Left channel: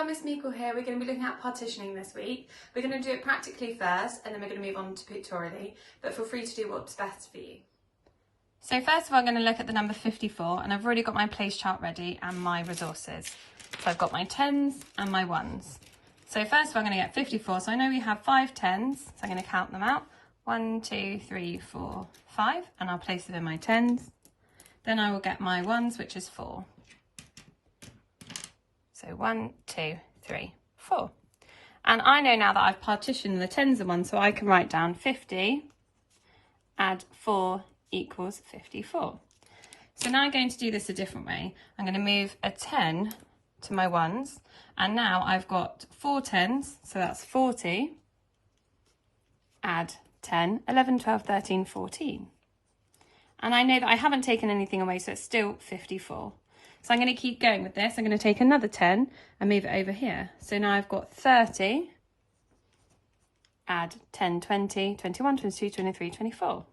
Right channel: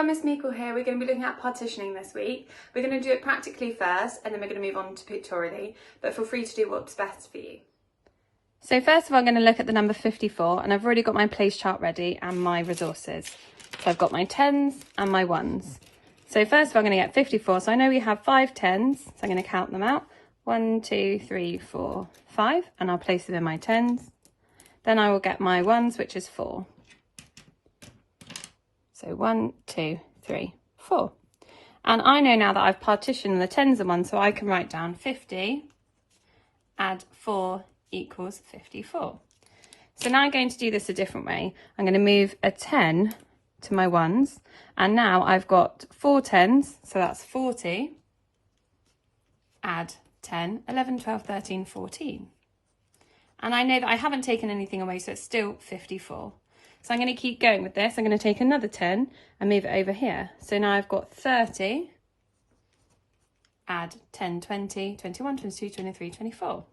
everyone, Miss Meikle here. We're going to be looking at partitioning this week. We're going to do it practically first and then we're going to move on to pictorially, but feel free to do what's best for you. So first of all, I'm going to look at the number 54, and I've already got my place chart ready and my resources. So I've got my tens and my ones. So first of all, I'm going to get 54. So I know we have 5 tens, so I'm going to count them out. 1, 2, 3, 4, 5, and I'll place them in my tens. Then I will get my ones, which is 4. So 1, 2, 3, 4. And I know now that I've partitioned the tens and ones, so I can write down 50, add 4 equals 54. So now I'm going to do this a different way. I'm going to move a 10 to my ones, and now I've got 4 tens, so that's 40, add 10, 11, 12, 13, 14. And I know that I haven't taken anything away, so it's still 54. So I'm going to keep going with this. I'm going to take another 10 and move it over here. So now I've got 30, add 10, 20, 21, 22, 23, 24.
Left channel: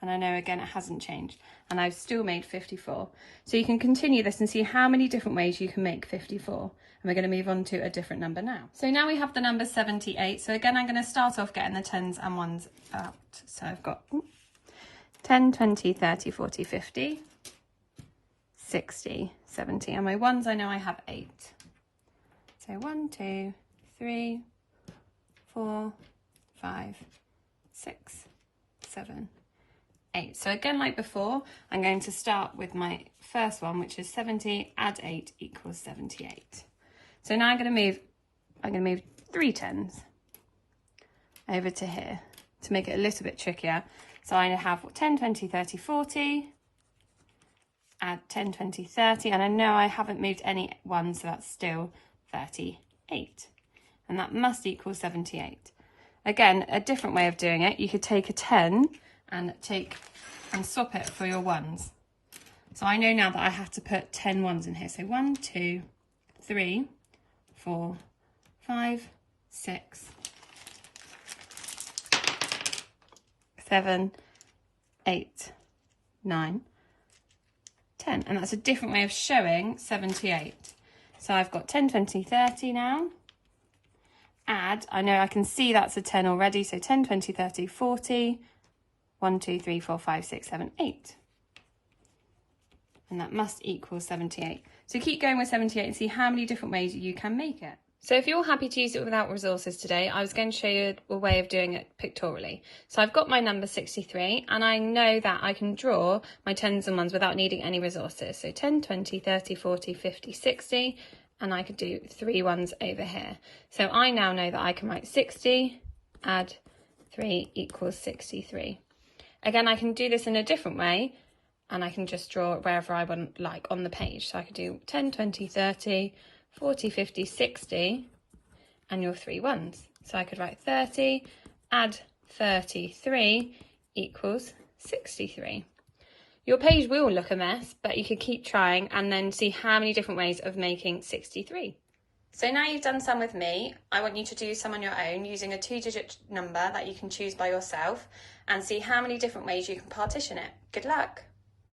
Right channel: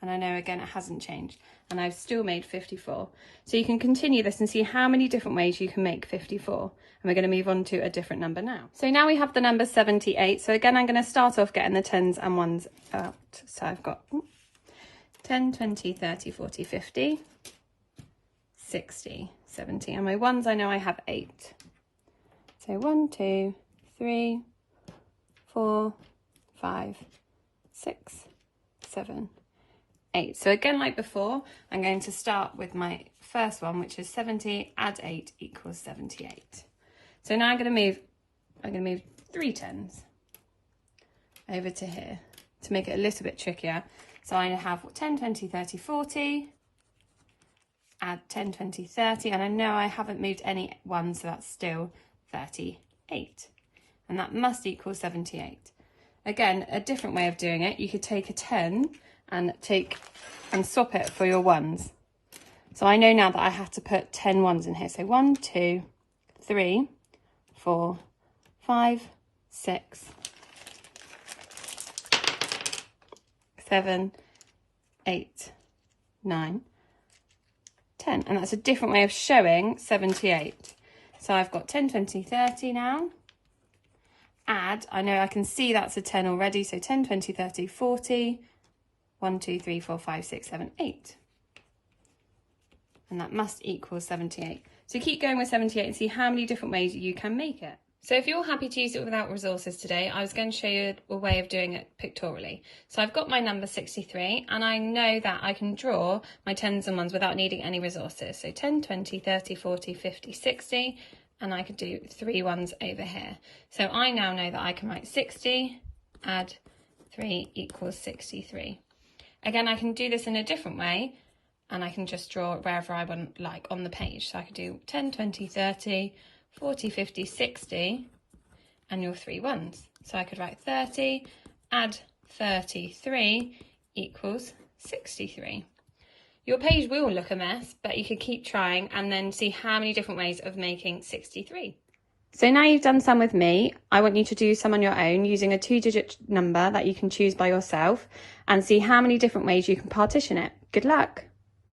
And I know again it hasn't changed, and I've still made 54. So you can continue this and see how many different ways you can make 54. And we're going to move on to a different number now. So now we have the number 78. So again, I'm going to start off getting the tens and ones out. So I've got 10, 20, 30, 40, 50, 60, 70. And my ones, I know I have 8. So 1, 2, 3, 4, 5, 6, 7, 8. So again, like before, I'm going to start with my first one, which is 70, add 8 equals 78. So now I'm going to move 3 tens over to here to make it a little bit trickier. So I have 10, 20, 30, 40, add 10, 20, 30, and I know I haven't moved any ones, so that's still 38. And that must equal 78. Again, a different way of doing it, you could take a 10 and swap it for your ones. So I know now that I have to put 10 ones in here. So 1, 2, 3, 4, 5, 6, 7, 8, 9, 10. And that's a different way of showing 78. So I've got 10, 20, 30 now. Add, I know I can see that's a 10 already. So 10, 20, 30, 40. 1, 2, 3, 4, 5, 6, 7, 8. And that must equal 78. So keep going with 78 and see how many different ways you can make it. So if you're happy to use it without resources today, I was going to show you a way of doing it pictorially. So I've got my number 63, and I know that I can draw my tens and ones without needing any resources. So 10, 20, 30, 40, 50, 60, and I could do 3 ones over here. So I now know that I can write 60, add 3 equals 63. Again, I can do this in a different way, and I can just draw it wherever I want, like on the page. So I could do 10, 20, 30, 40, 50, 60, and your 3 ones. So I could write 30, add 33 equals 63. Your page will look a mess, but you could keep trying and then see how many different ways of making 63. So now you've done some with me, I want you to do some on your own using a 2-digit number that you can choose by yourself and see how many different ways you can partition it. Good luck!